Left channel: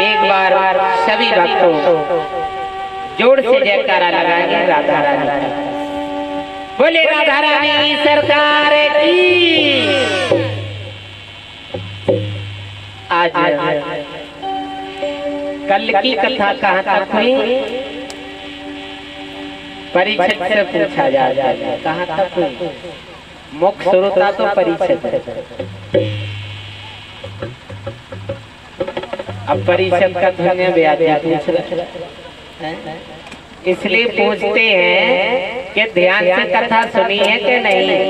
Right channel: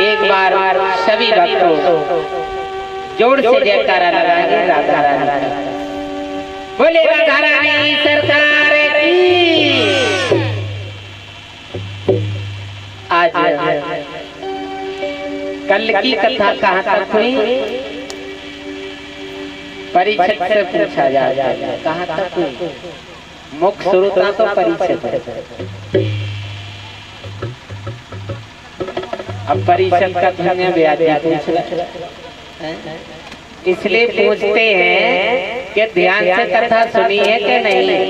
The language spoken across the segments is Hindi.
एक बार सभी भक्तों जोर से जयकारा लगाएंगे राधा रानी का। बोले राधा रानी सरकार की। आज कल की कथा कहाँ तक हुई? परीक्षक से पूछा जाता है कहाँ तक हुई? मुख्य श्रोता तो परीक्षक। अब परीक्षक का धन्य व्याख्या इसलिए पूछते हैं कि ध्यान से कथा सुनी है कि नहीं,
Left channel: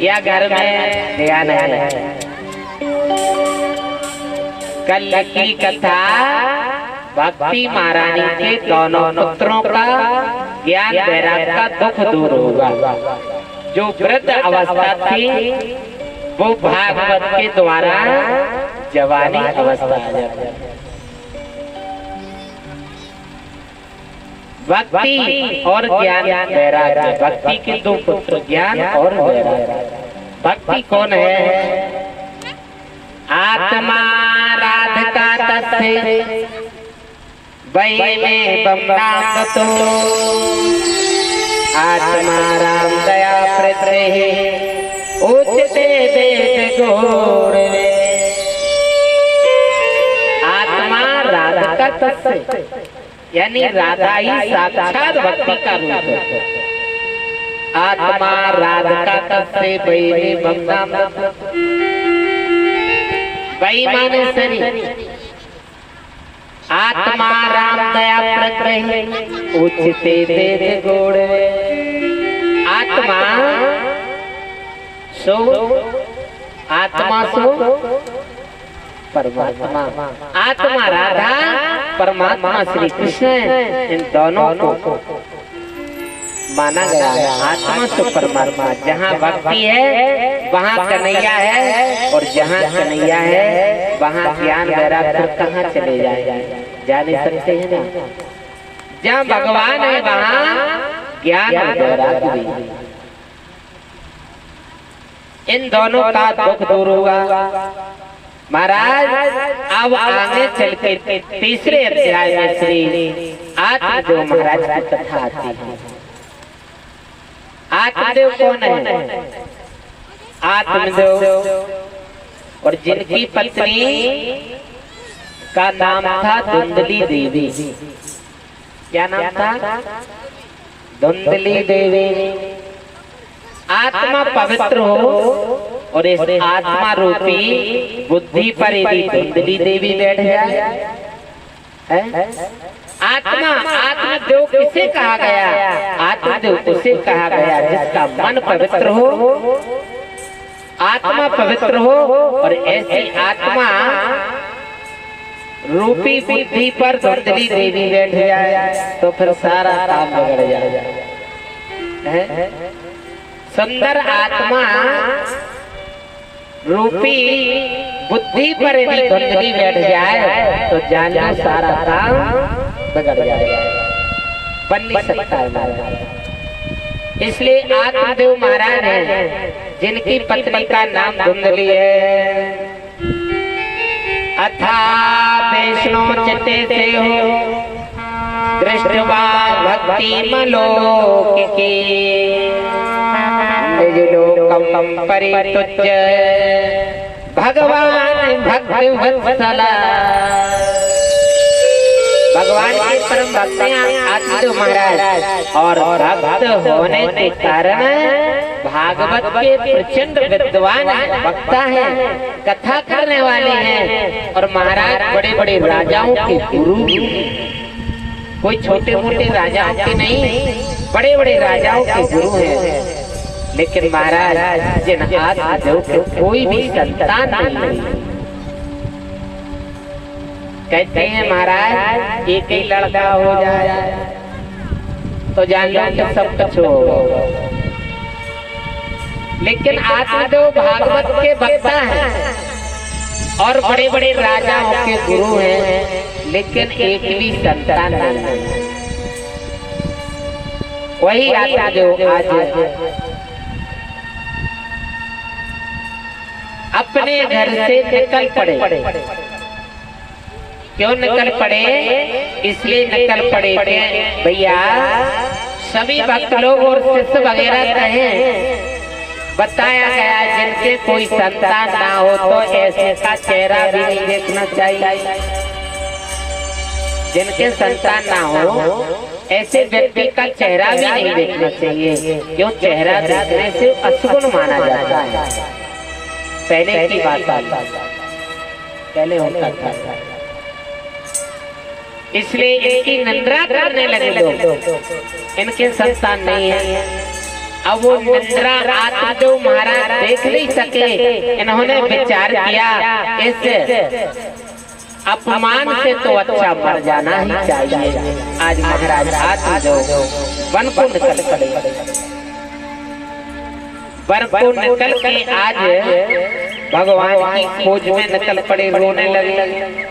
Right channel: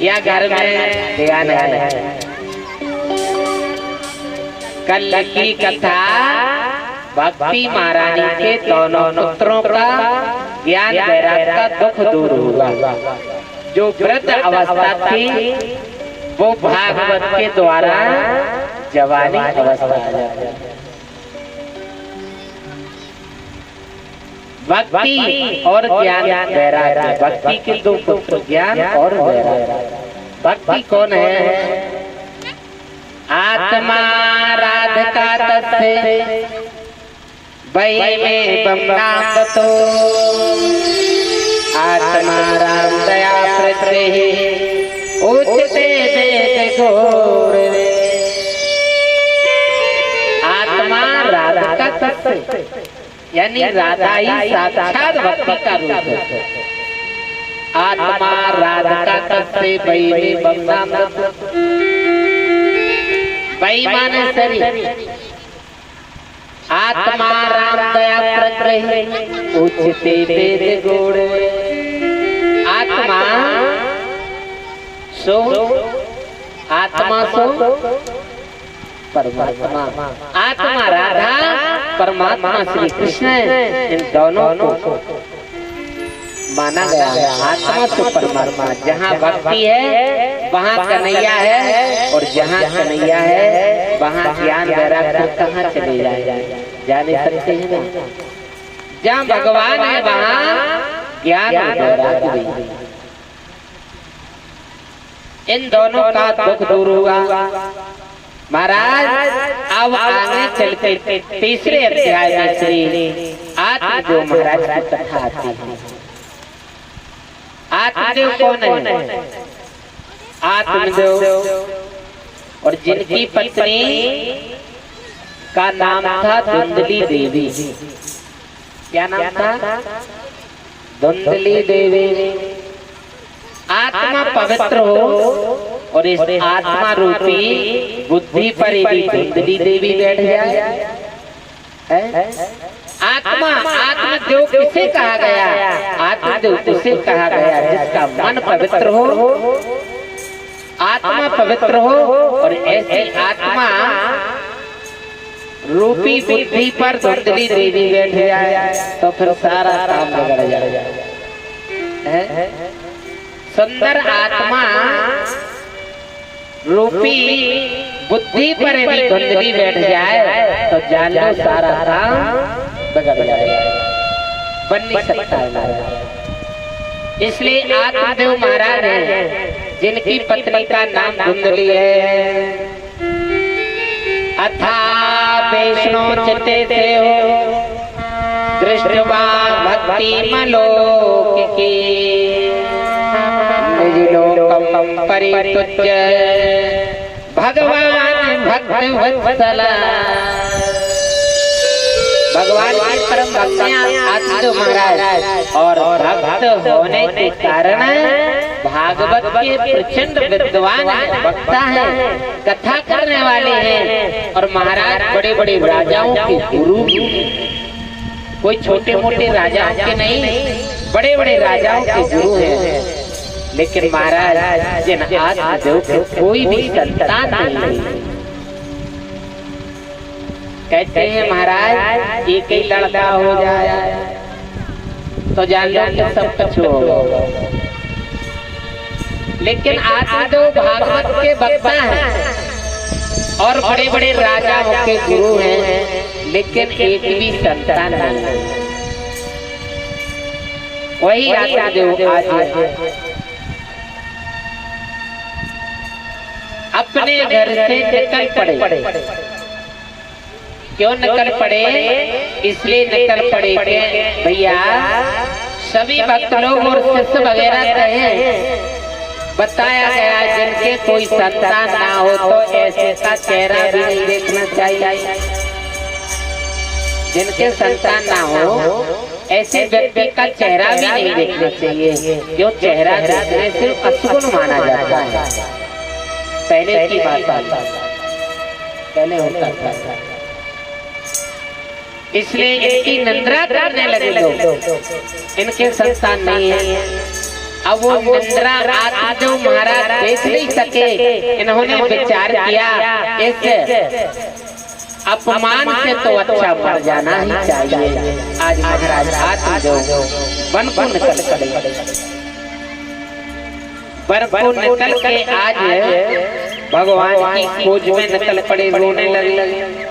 या घर में ध्यान है? कल की कथा भक्ति महारानी के दोनों पुत्रों का ज्ञान वैराग्य का दुख दूर होगा। जो वृद्ध अवस्था थी वो भागवत के द्वारा जवानी अवस्था आ जाती है। भक्ति और ज्ञान वैराग्य, भक्ति के दो पुत्र ज्ञान और वैराग्य। भक्ति कौन है? आत्मा राधिका तस्से वै में बम्बातो आत्मा राम दया प्रत्ये उच्चते वेद गौरवे। आत्मा राधिका तस्से यानी राधा ही साक्षात भक्ति का रूप है। आत्मा राधिका तस्से वै में बम्बातो, वै माने शरीर, आत्मा राम दया प्रत्ये उच्चते वेद गौरवे। आत्मा सो परमात्मा, आत्मा राधा, परमात्मा श्री कृष्ण, इन दोनों को माना गया है। आत्मा सो परमात्मा, जहाँ भक्ति है वहाँ कन्हैया है, और जहाँ कन्हैया है वहाँ ज्ञान वैराग्य कहाँ चले जाए? जा नहीं सकते हैं ना। जहाँ भगवान है वहाँ ज्ञान वैराग्य भी। इन दोनों का दुख दूर होगा। महाराज अब आगे चलते तीसरे अध्याय में श्री आत्मदेव महाराज की कथा आती है। आत्मदेव कौन है? आत्मदेव और जिनकी पत्नी का नाम था धुंधली देवी। क्या नाम था? धुंधली देवी। आत्मा पवित्र हो और इस आत्मा रूपी बुद्धि पर यदि धुंधली देवी बैठ जाए, आत्मदेव किसे कहा गया? आत्मदेव उसे कहा गया जिसका मन पवित्र हो, आत्मा पवित्र हो, और ऐसी आत्मा रूपी बुद्धि पर धुंधली देवी बैठ जाए तो फिर सारा काम बिगड़ जाए। सुंदर आत्मा रूपी बुद्धि पर यदि धुंधली बैठ जाए तो जान लो सारा काम बिगड़ जाएगा, बन नहीं सकता है। इसलिए आत्मदेव महाराज हैं जिनकी पत्नी का नाम धुंधली है। अथा वैष्णो चित्ते से हो दृष्टवा भक्ति मलोक की निज लोकम परितुज्य भगवान भक्त वत्सला। भगवान की परम भक्तियां आत्मदेव महाराज और भक्त होने के कारण भागवत के प्रचंड विद्वान वक्ता हैं, कथा करने वाले हैं, और महाराज बड़े बड़े राजाओं के गुरु। कोई छोटे मोटे राजाओं के नहीं, बड़े बड़े राजाओं के गुरु हैं। लेकिन महाराज जिन आत्मदेव के कोई भी संतान नहीं, कहते हैं महाराज एक ही लड़का हो जाए तो जान लो कि सब कुछ होगा। लेकिन आत्मदेव भागवत के वक्ता हैं और बड़े बड़े राजाओं के गुरु हैं, लेकिन एक भी संतान नहीं। वही आत्मदेव आज अपने घर से निकल पड़े क्यों निकल पड़े? इसलिए निकल पड़े कि भैया सभी भक्त लोग और शिष्य वगैरह कहें, बताया गया जिनके कोई संतान ना हो तो ऐसे का चेहरा भी नहीं देखना चाहिए। जिनके संतान ना हो ऐसे व्यक्ति का चेहरा भी नहीं देखना चाहिए, क्यों? चेहरा देखने से अशुभ माना जाता है। पहले की बात पहले होता था, इसलिए इनकी निंदा करने लगे लोग, इनके संतान नहीं है। अब वो निंदा आत्मा जो महाराज देख नहीं सके, इन्होंने विचार किया इस अपमान से तो अच्छा मर जाना ही चाहिए। आज महाराज आत्मा जो वन को निकल पड़े, वन को निकल के आज भगवान की खोज में निकल पड़े, रोने लगे।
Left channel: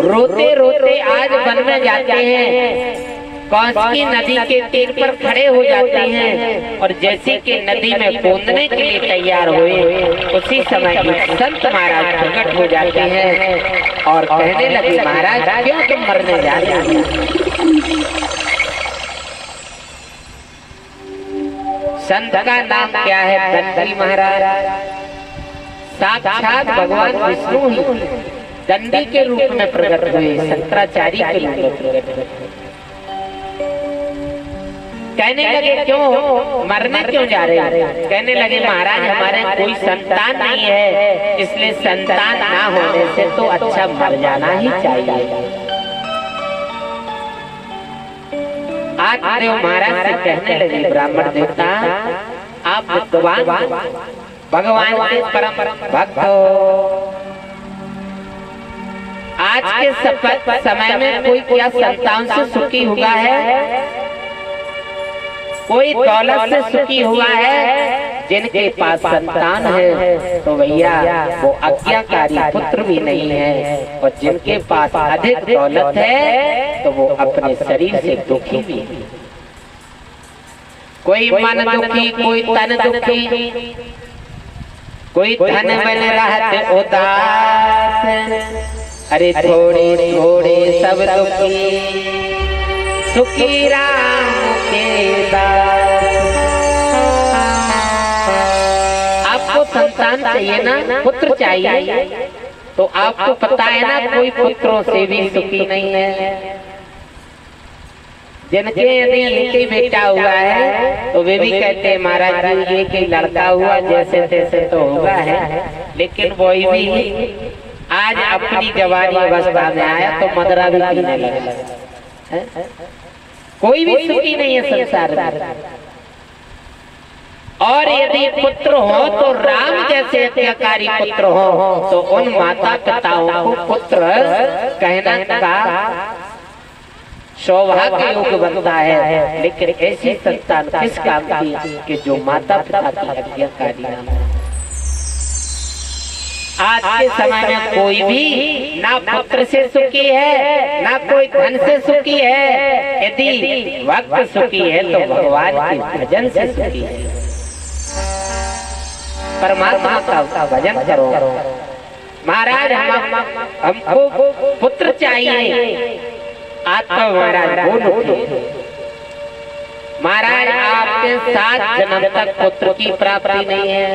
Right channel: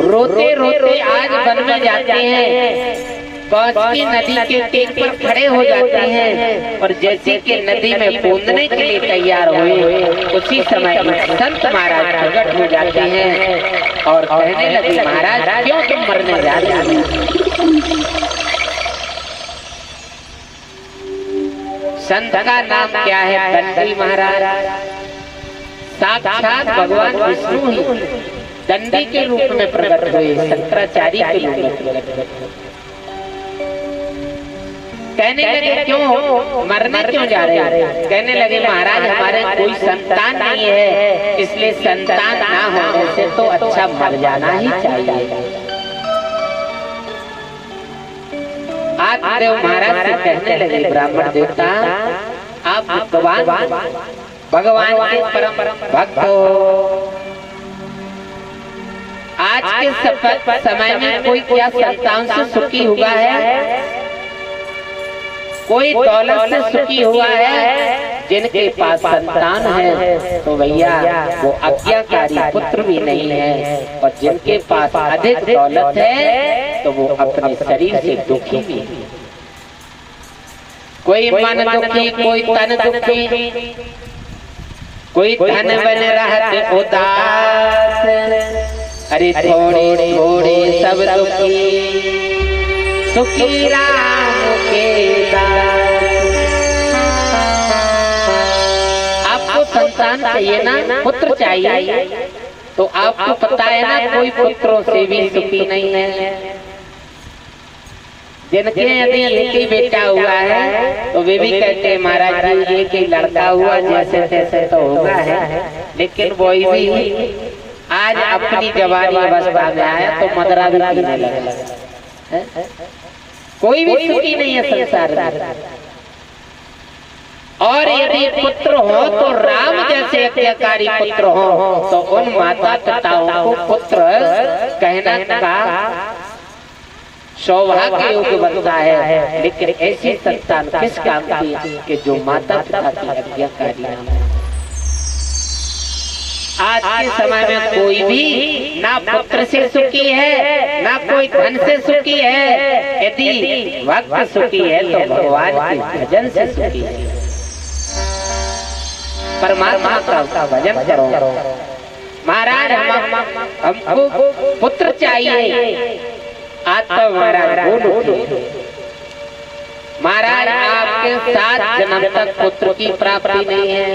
रोते रोते आज वन में जाते हैं, कौशकी नदी के तीर पर खड़े हो जाते हैं और जैसे कि नदी में कूदने के लिए तैयार हुए, उसी समय संत महाराज प्रकट हो जाते हैं और कहने लगे, महाराज क्यों तुम मरने जा रहे हो? संत का नाम क्या है? दंडी महाराज। साक्षात भगवान विष्णु ही दंडी के रूप में प्रकट हुए, शंकराचार्य के रूप में प्रकट हुए। कहने लगे क्यों मरने क्यों जा रहे हैं? कहने लगे महाराज हमारे कोई संतान नहीं है, इसलिए संतान ना होने से तो अच्छा मर जाना ही चाहिए। आज देव महाराज से कहने लगे, ब्राह्मण देवता आप भगवान के परम भक्त हो, आज के समय में कोई क्या संतान से सुखी हुआ है? कोई दौलत से सुखी हुआ है? जिनके पास संतान है तो भैया वो आज्ञाकारी पुत्र भी नहीं है, और जिनके पास अधिक दौलत है तो वो अपने शरीर से दुखी भी है। कोई मन दुखी, कोई तन दुखी, कोई धन बन रहते उदास, अरे थोड़े थोड़े सब दुखी, सुखी राम के दास। आपको संतान चाहिए ना, पुत्र चाहिए, तो आपको पता है ना कोई पुत्रों से भी सुखी नहीं है। जिनके यदि लड़की बेटा हुआ है तो वे भी कहते हैं महाराज जी ये कि लड़का हुआ जैसे तैसे तो हुआ है, लेकिन वही भी आज अपनी जवानी अवस्था में आया तो मदरा भी पीने लगा। कोई भी सुखी नहीं है संसार में। और यदि पुत्र हो तो राम जैसे आज्ञाकारी पुत्र हो तो उन माता पिताओं को पुत्र कहना का सौभाग्य योग बनता है। लेकिन ऐसी संतान किस काम की कि जो माता पिता की आज्ञाकारी है। आज के समय में कोई भी ना पुत्र से सुखी है ना कोई धन से सुखी है। यदि भक्त सुखी है तो भगवान के भजन से सुखी है। परमात्मा का भजन करो। महाराज हमको पुत्र चाहिए। आज तो महाराज बोलो महाराज आपके 7 जन्म तक पुत्र की प्राप्ति नहीं है।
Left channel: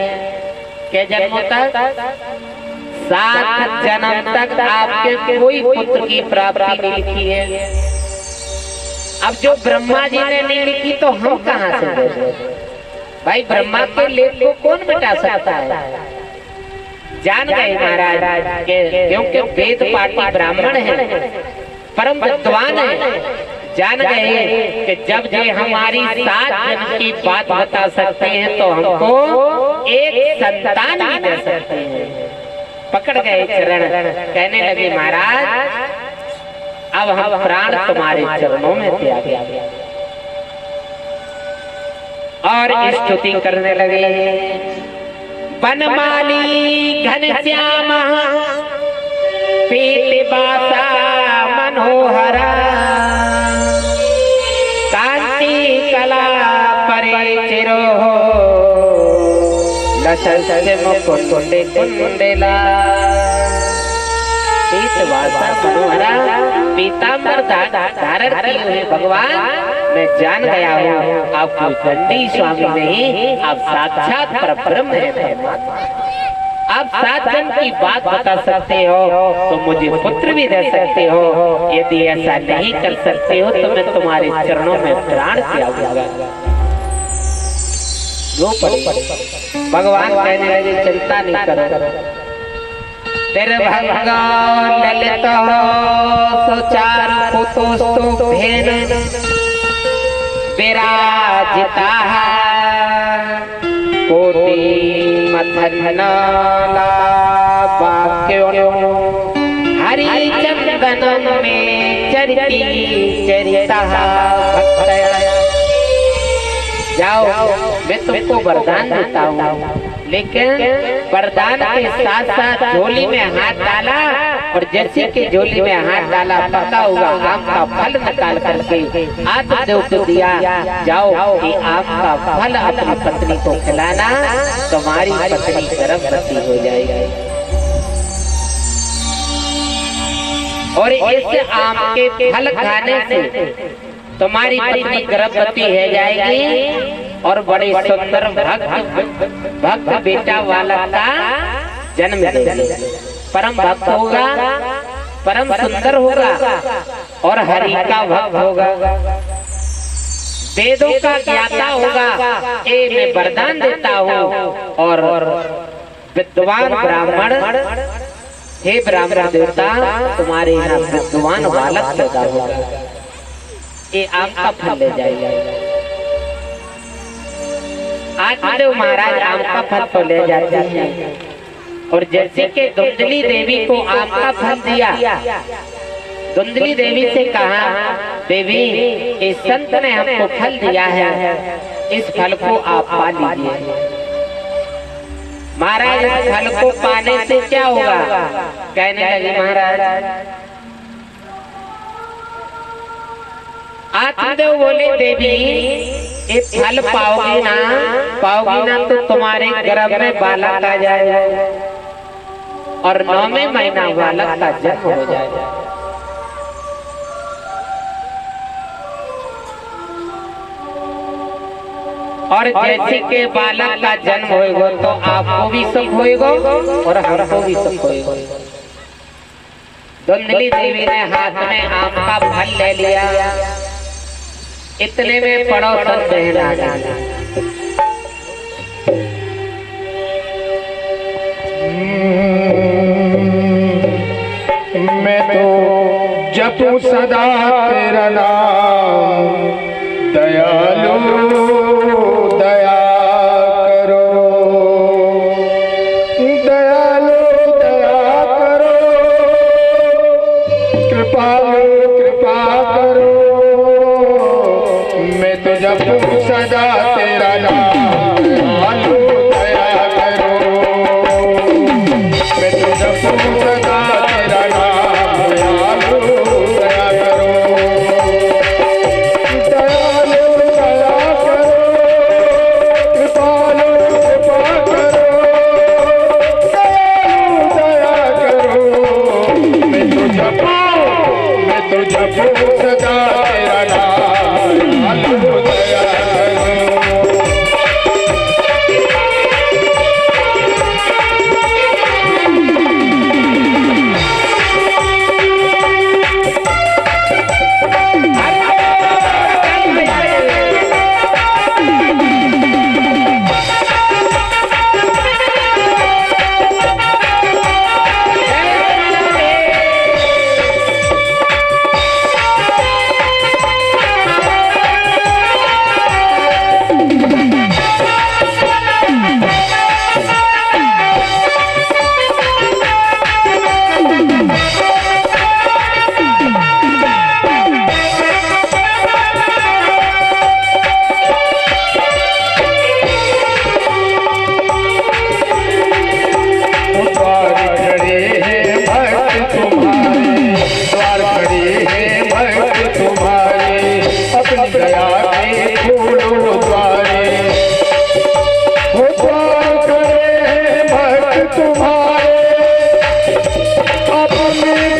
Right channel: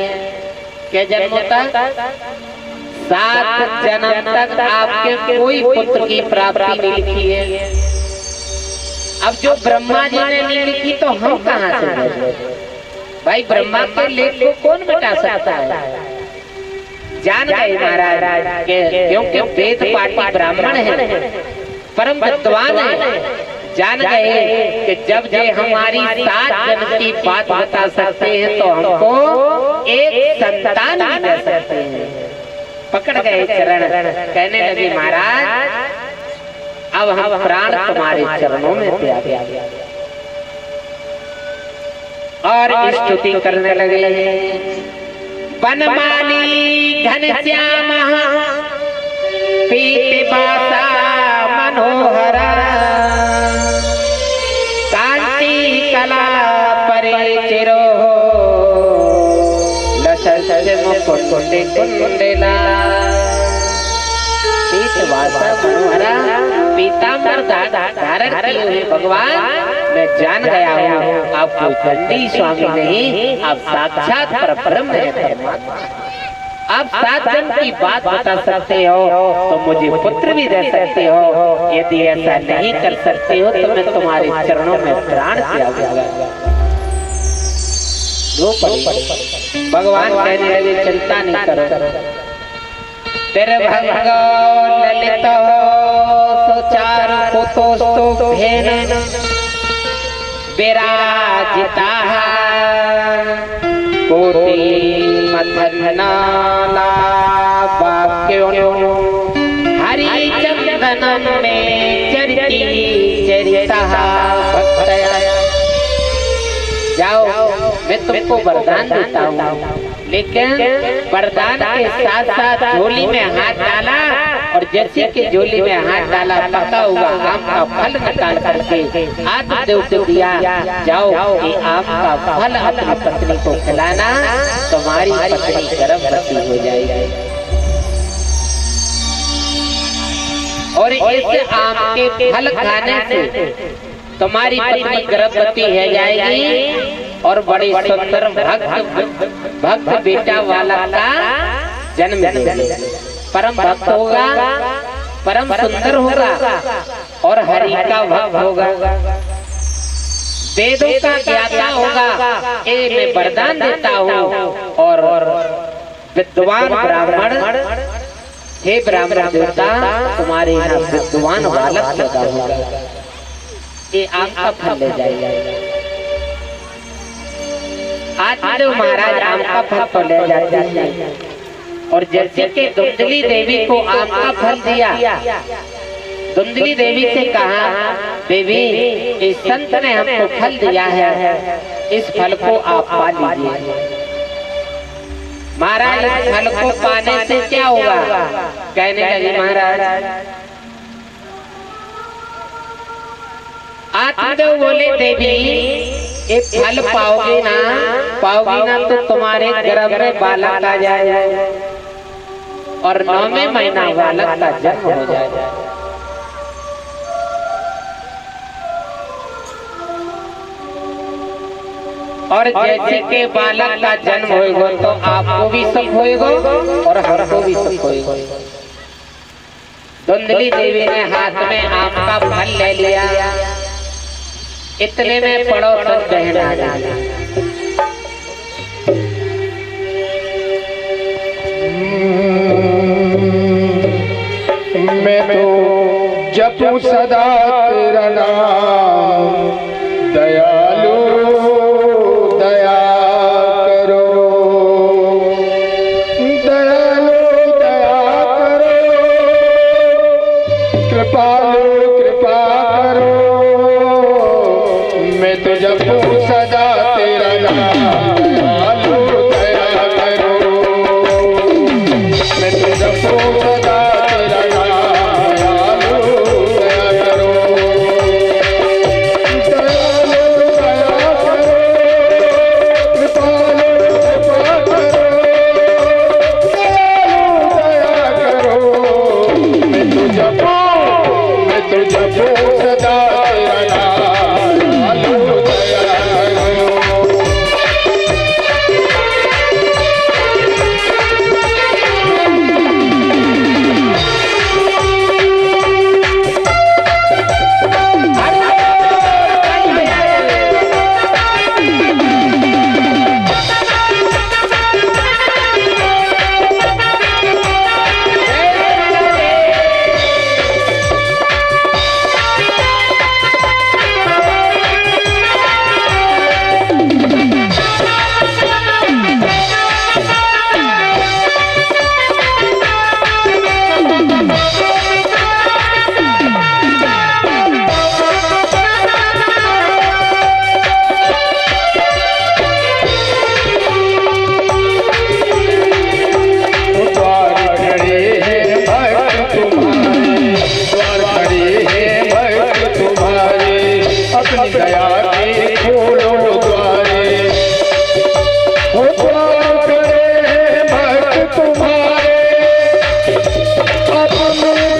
क्या जन्म तक? 7 जन्म तक आपके कोई पुत्र की प्राप्ति नहीं लिखी है। अब जो ब्रह्मा जी ने नहीं लिखी तो हम कहाँ से देंगे? भाई ब्रह्मा के लेख को कौन मिटा सकता है? जान गए महाराज क्योंकि वेद पाठी ब्राह्मण है, परम विद्वान है। जान गए कि जब ये हमारी 7 जन्म की बात बता सकते हैं तो हमको एक संतान भी दे सकते हैं। पकड़ गए चरण, कहने लगे महाराज अब हम प्राण तुम्हारे चरणों में त्याग दिया। और स्तुति करने लगे। बनमाली घनश्याम पीत बासा मनोहर कांति कला परे चिरो लसस मुकुंड कुंडला। पीत वासा मनोहरा पीतांबर धारण किए हुए भगवान, मैं जान गया हूँ आप कोई चंडी स्वामी नहीं, आप साक्षात परब्रह्म है परमात्मा। आप 7 जन्म की बात बता सकते हो तो मुझे पुत्र भी दे सकते हो, यदि ऐसा नहीं कर सकते हो तो मैं तुम्हारे चरणों में प्राण त्याग दूंगा। भगवान कहने लगे चिंता नहीं करो, तेरे भगवान ललित सोचार पुतोस्तो भेन विराजिता कोटि मथनाला वाक्यों हरि चंदन में चरिती चरिता भक्त। जाओ मैं तुमको वरदान देता हूँ, लेकिन वरदान के साथ साथ झोली में हाथ डाला और जैसे कि झोली में हाथ डाला पका हुआ आम का फल निकाल करके आत्मदेव को दिया। जाओ कि आम का फल अपनी पत्नी को खिलाना, तुम्हारी पत्नी गर्भवती हो जाएगी और इस आम के फल खाने से तुम्हारी पत्नी गर्भवती हो जाएगी और बड़े सुंदर भक्त बेटा वाला का जन्म देगी। परम भक्त होगा, परम सुंदर होगा और हरि का भक्त होगा, वेदों का ज्ञाता होगा। ये मैं वरदान देता हूँ। और विद्वान ब्राह्मण, हे ब्राह्मण देवता, तुम्हारे यहाँ विद्वान बालक पैदा होगा, ये आपका फल ले जाएगा। आत्मदेव महाराज आम का फल तो ले जाते हैं और जैसे कि धुंधली देवी को आम का फल दिया, धुंधली देवी से कहा, देवी इस संत ने हमको फल दिया है, इस फल को आप पा लीजिए। महाराज इस फल को पाने से क्या होगा? कहने लगे महाराज, आत्मदेव बोले देवी ये फल पाओगी ना तो तुम्हारे गर्भ में बालक आ जाएगा और 9वें महीना बालक का जन्म हो जाएगा। और जैसे के बालक का जन्म होएगा तो आपको भी सुख होएगा और हमको भी सुख होएगा। धुंधली देवी ने हाथ में आम का फल ले लिया, इतने में पड़ोसन बहन आ गई। मैं तो जपूं सदा तेरा नाम, दयालु दया करो, दयालु दया करो, कृपालु कृपा करो। मैं तो जपूं सदा तेरा नाम, दयालु दया करो। मैं तो जपूं सदा तेरा तुम्हारे अपने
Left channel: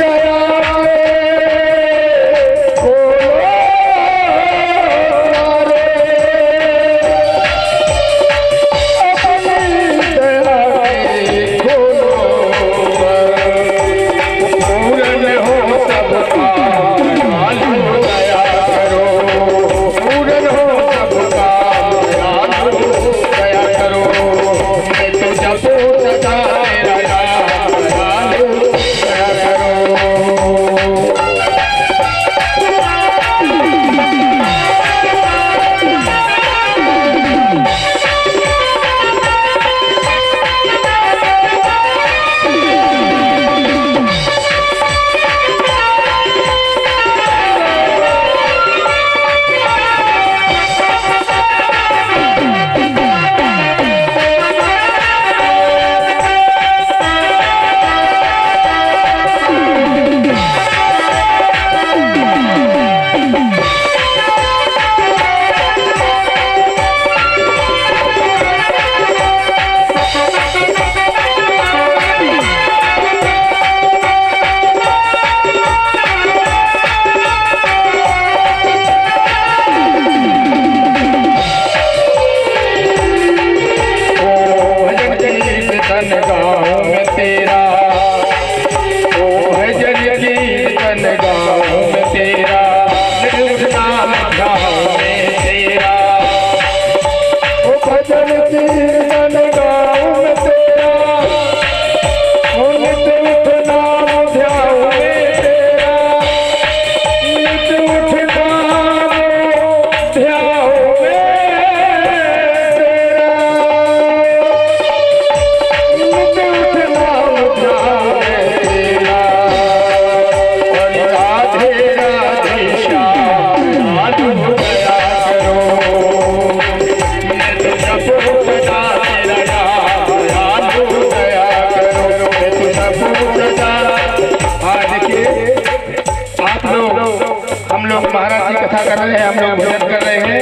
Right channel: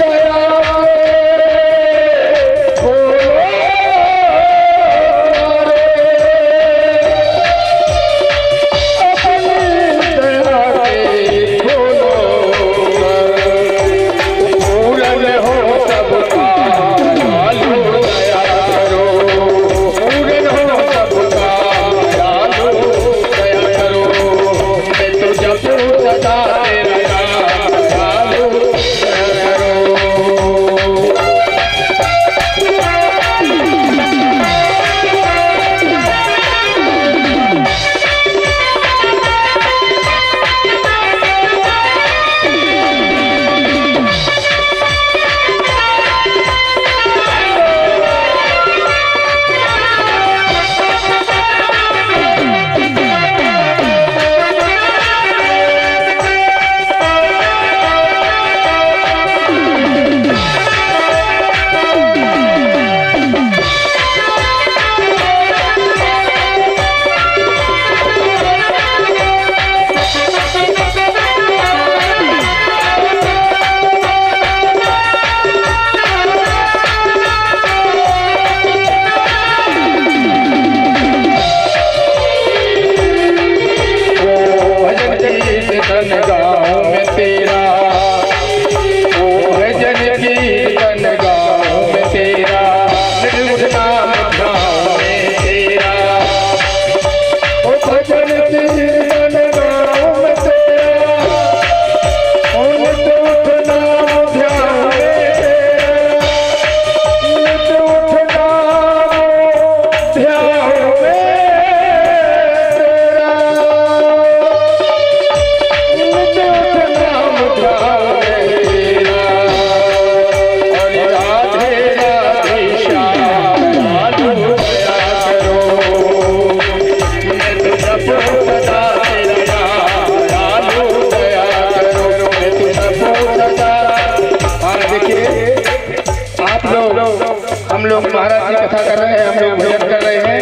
कथा कर रहे हैं, हम लोग भजन कर रहे हैं,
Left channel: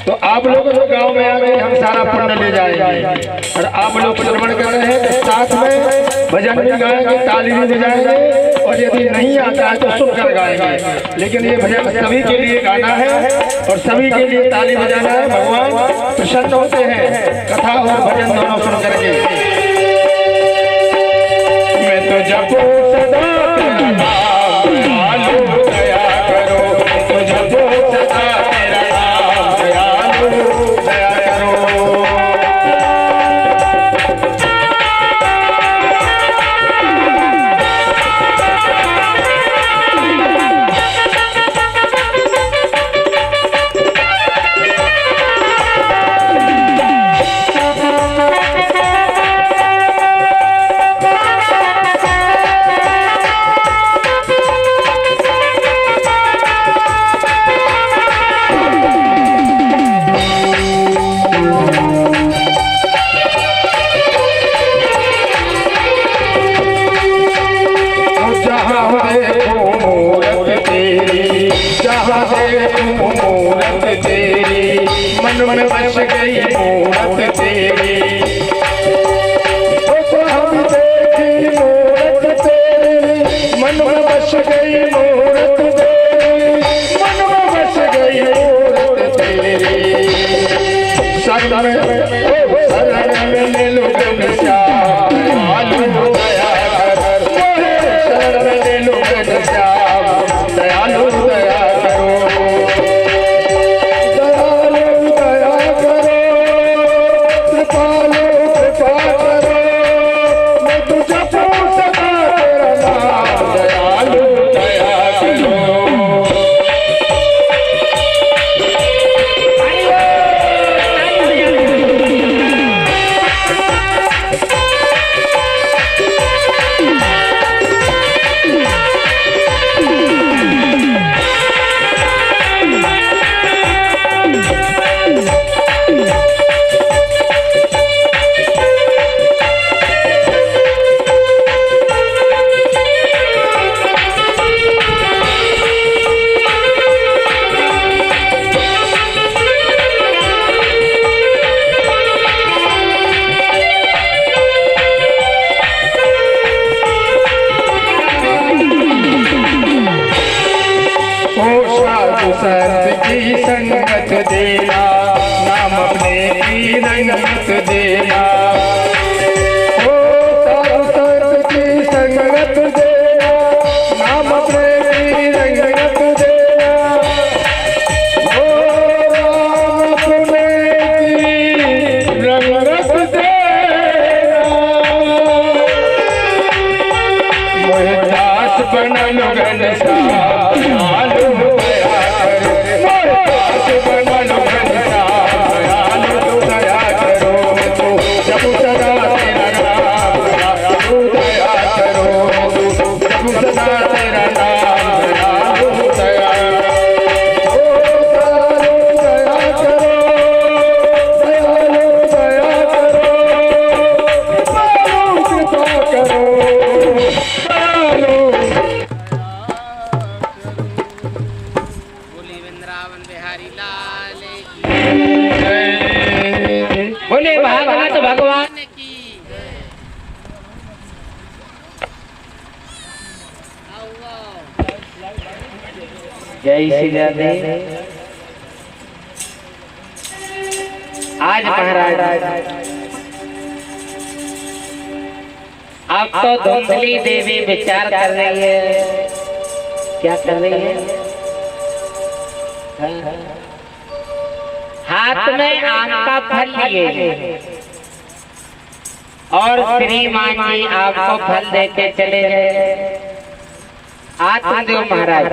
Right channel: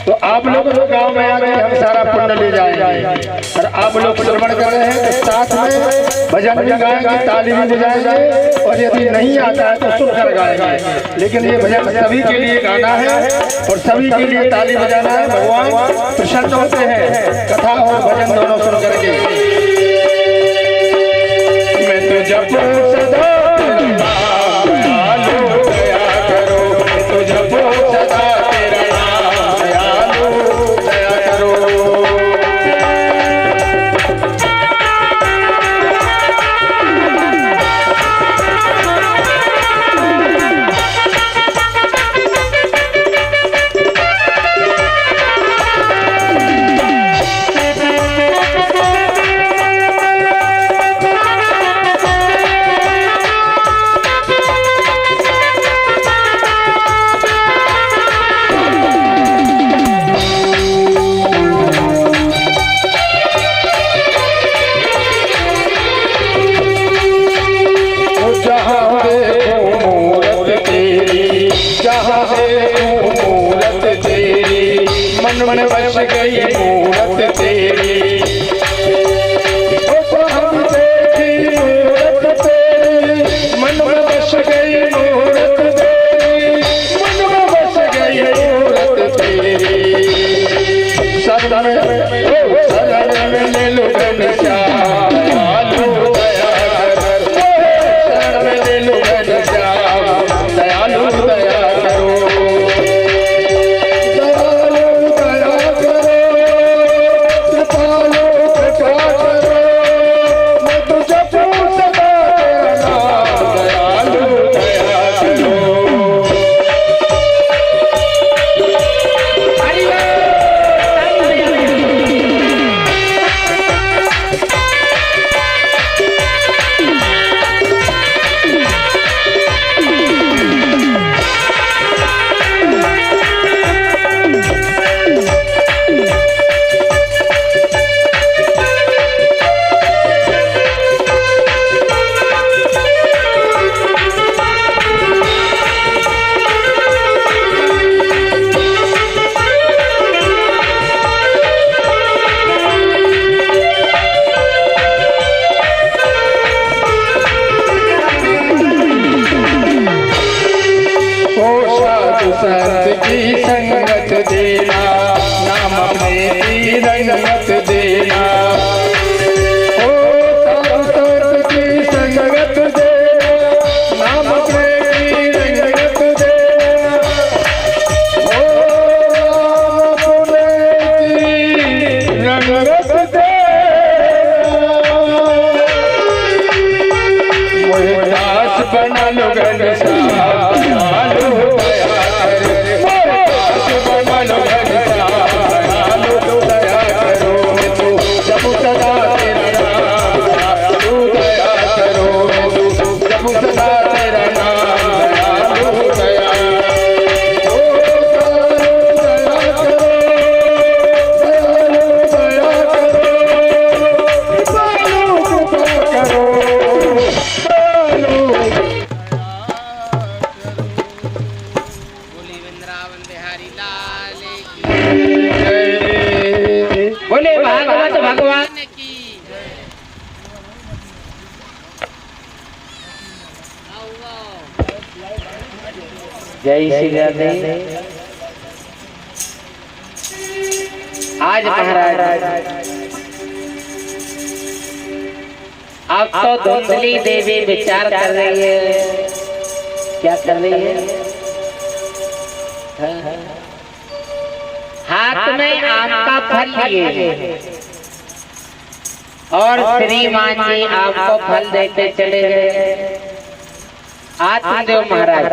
तो आप लोग गांव में आके हम सारा पुण्य ले जाएंगे। और आप लोग श्रवण कर रहे हैं तो साथ में भजन भी गाएंगे, ताली भी बजाएंगे, और यदि नहीं आता है तो सुनकर गाएंगे। लेकिन ये भजन सभी के लिए गाना है और सभी के लिए ताली बजाना है। भगवान प्रसन्न होते हैं कथा और भजन दोनों सुन करके। मैं तो जपो सदा तेरा नाम, दयालु दया करो, तो जपो सदा तेरा नाम, दयालु दया करो। संत की संगत देना, नाम अपने की रंगत देना। ओ संत की संगत देना, नाम अपने की रंगत देना। ओ नाम अपने की रंगत देना। मोहे दास बनल घनश्याम, बोले भागवत भगवान की। जय श्री राधे। आज महाराज आप तो धुंधली देवी विचार कर रही है, क्या कर रही है? हाथ में आम का फल लिए और श्रीमान जी आपको फल देते चले गए। आत्मदेव महाराज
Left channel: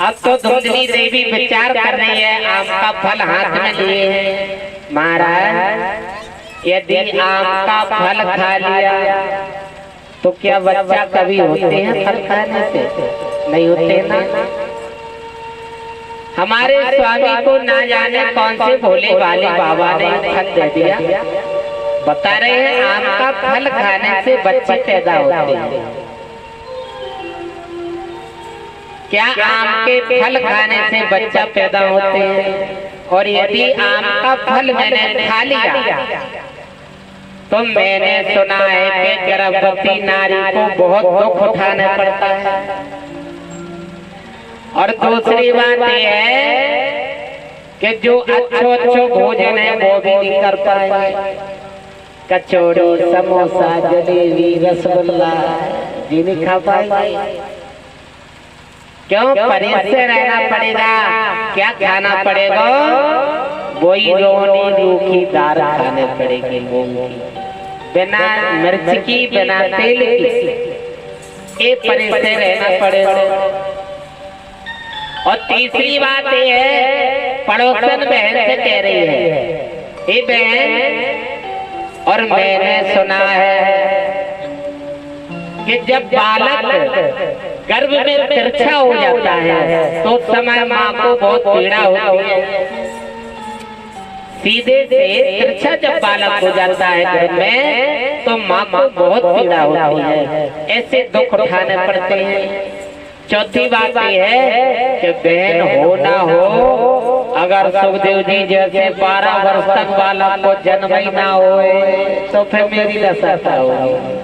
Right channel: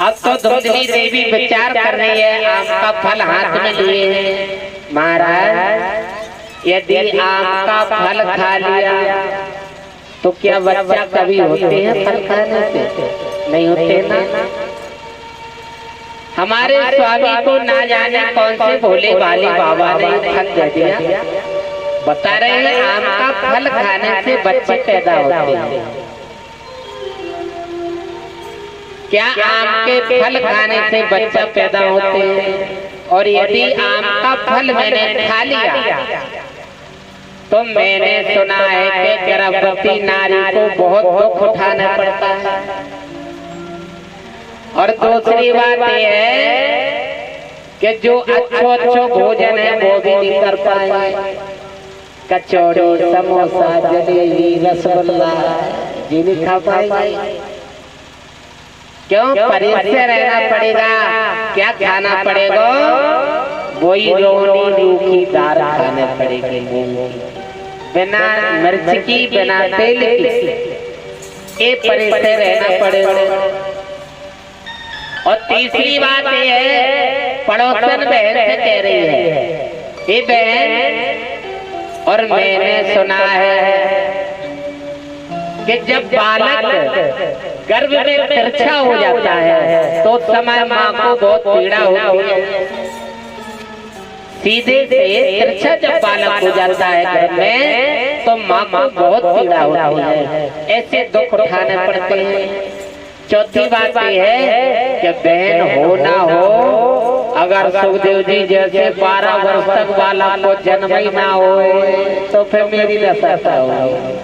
अब तो धुंधली देवी विचार कर रही है, आम का फल हाथ में लिए हैं। महाराज यदि आम का फल खा लिया तो क्या बच्चा कभी होते हैं फल खाने से? नहीं होते ना। हमारे स्वामी को ना जाने कौन से भोले वाले बाबा ने फल दे दिया। बता रहे हैं आम का फल खाने से बच्चे पैदा होते हैं। क्या आम के फल खाने से बच्चा पैदा होते हैं? और यदि आम का फल मैंने खा लिया तो मैंने सुना है कि गर्भवती नारी को बहुत दुख उठाना पड़ता है। और दूसरी बात यह है कि जो अच्छो भोजन है वो भी नहीं कर पाएंगे। कचौड़ी, समोसा, जलेबी, रसगुल्ला ये नहीं खा पाएंगे। क्यों? परहेज से रहना पड़ेगा। क्या खाना पड़ेगा? वही रोनी रूखी दाल खाने पड़ेगी, बिना मिर्च की, बिना तेल की। ये परहेज से रहना पड़ेगा। और तीसरी बात ये है, पड़ोसन बहन से कह रही है, ये बहन, और मैंने सुना है कि जब बालक गर्भ में तिरछा हो जाता है तो उस समय माँ को बहुत पीड़ा होती है। सीधे से तिरछा जब बालक हो जाता है गर्भ में तो माँ को बहुत पीड़ा होती है। ऐसे दुख उठाने पड़ते हैं। चौथी बात यह है कि बहन हो ना हो, अगर सुखदेव जी जैसे 12 वर्ष तक बालक को जन्म ही ना हो तो फिर मेरी दशा क्या होगी?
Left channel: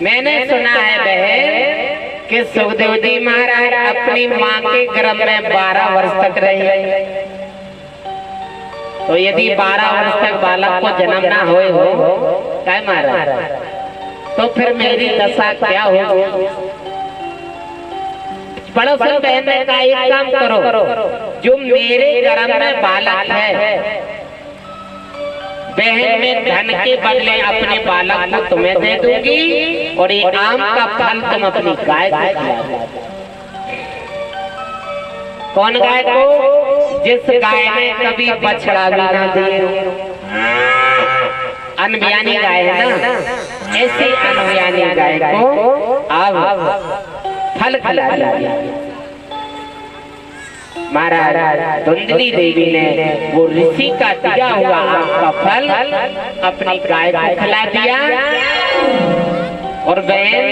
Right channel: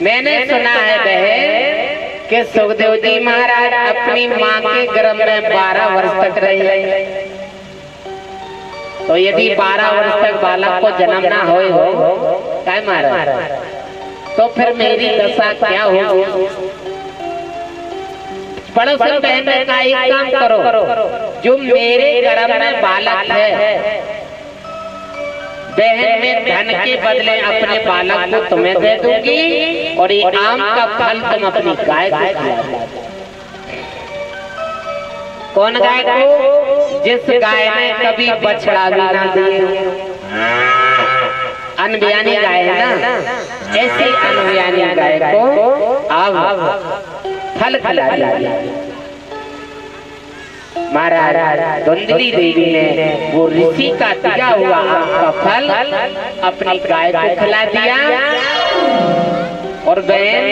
मैंने सुना है बहन कि सुखदेव जी महाराज अपनी माँ के गर्भ में 12 वर्ष तक रहे। तो यदि 12 वर्ष तक बालक को जन्म ना हो क्या महाराज, तो फिर मेरी दशा क्या होगी? पड़ोसन बहन ने कहा, एक काम करो, जो मेरे गर्भ में बालक है बहन में धन के बदले अपने बालक को तुम्हें दे दूंगी और ये आम का फल तुम अपनी गाय को खिला दो। कौन गाय को? जिस गाय ने कभी बछड़ा भी ना दिए, अनबियानी गाय है ना, ऐसी अनबियानी गाय को अब फल खिला दिया। महाराज धुंधली देवी ने वो ऋषि का दिया हुआ आम का फल अपनी गाय को खिला दिया। और बहन,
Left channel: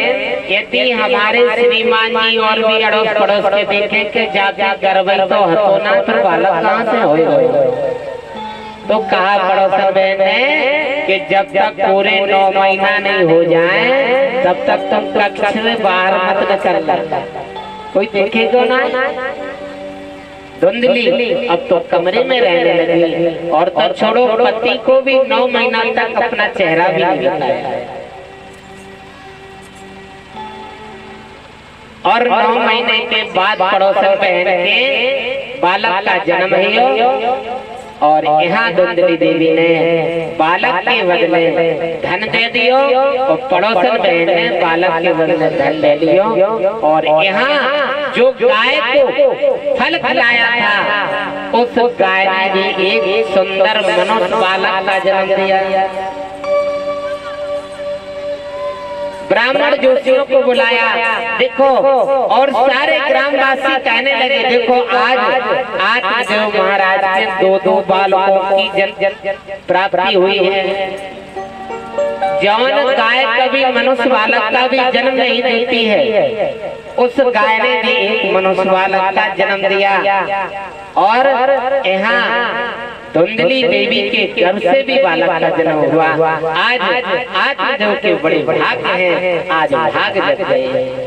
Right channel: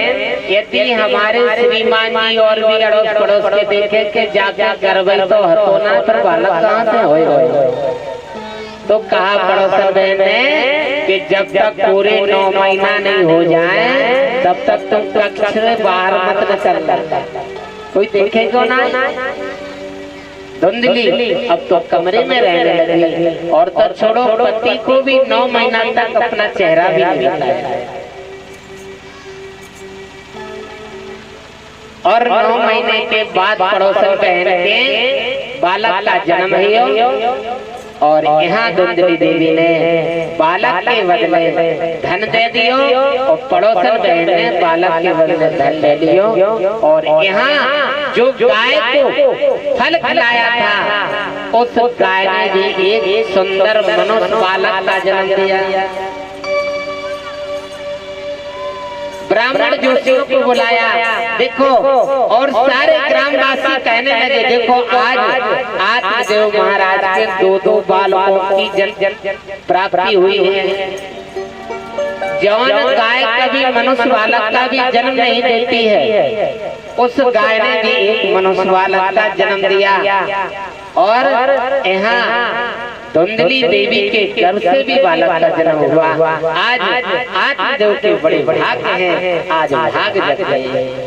यदि हमारे श्रीमान जी और भी अड़ोस पड़ोस के देखे कि जाके गर्भई तो हतो ना, फिर बालक कहाँ से होगा? तो कहा पड़ोसन बहन ने कि जब तक पूरे 9 महीना नहीं हो जाए तब तक तुम कक्ष से बाहर मत निकलना, कोई देखेगा ना। धुंधली अब तो कमरे में रहने लगी। और तो छोड़ो, पति को भी 9 महीना तक अपना चेहरा भी नहीं दिखाया। और 9 महीने के बाद पड़ोसन बहन के बालक का जन्म हुआ। और यहाँ धुंधली देवी ने बालक के बदले धन दे दियो और पड़ोसन बहन ने बालक के बदले धन ले लियो। और यहाँ जो गाय को फल खिलाया था उस गाय ने भी एक सुंदर मनुष्य बालक का जन्म दिया। ब्राह्मण जोशियों को बुलाया, देखो, और सारे ग्रामवासी कहने लगे, देखो आज जो महाराज के 2-2 बालकों की जन्म प्राप्ति हुई है। जवान गाय कभी मनुष्य बालक का भी जन्म नहीं देती है, उस गाय ने भी एक मनुष्य बालक का जन्म दिया। और यहाँ धुंधली देवी के गर्भ से भी बालक का जन्म हुआ। आज जो के बड़े भाग्य हैं, आज भाग जग गए।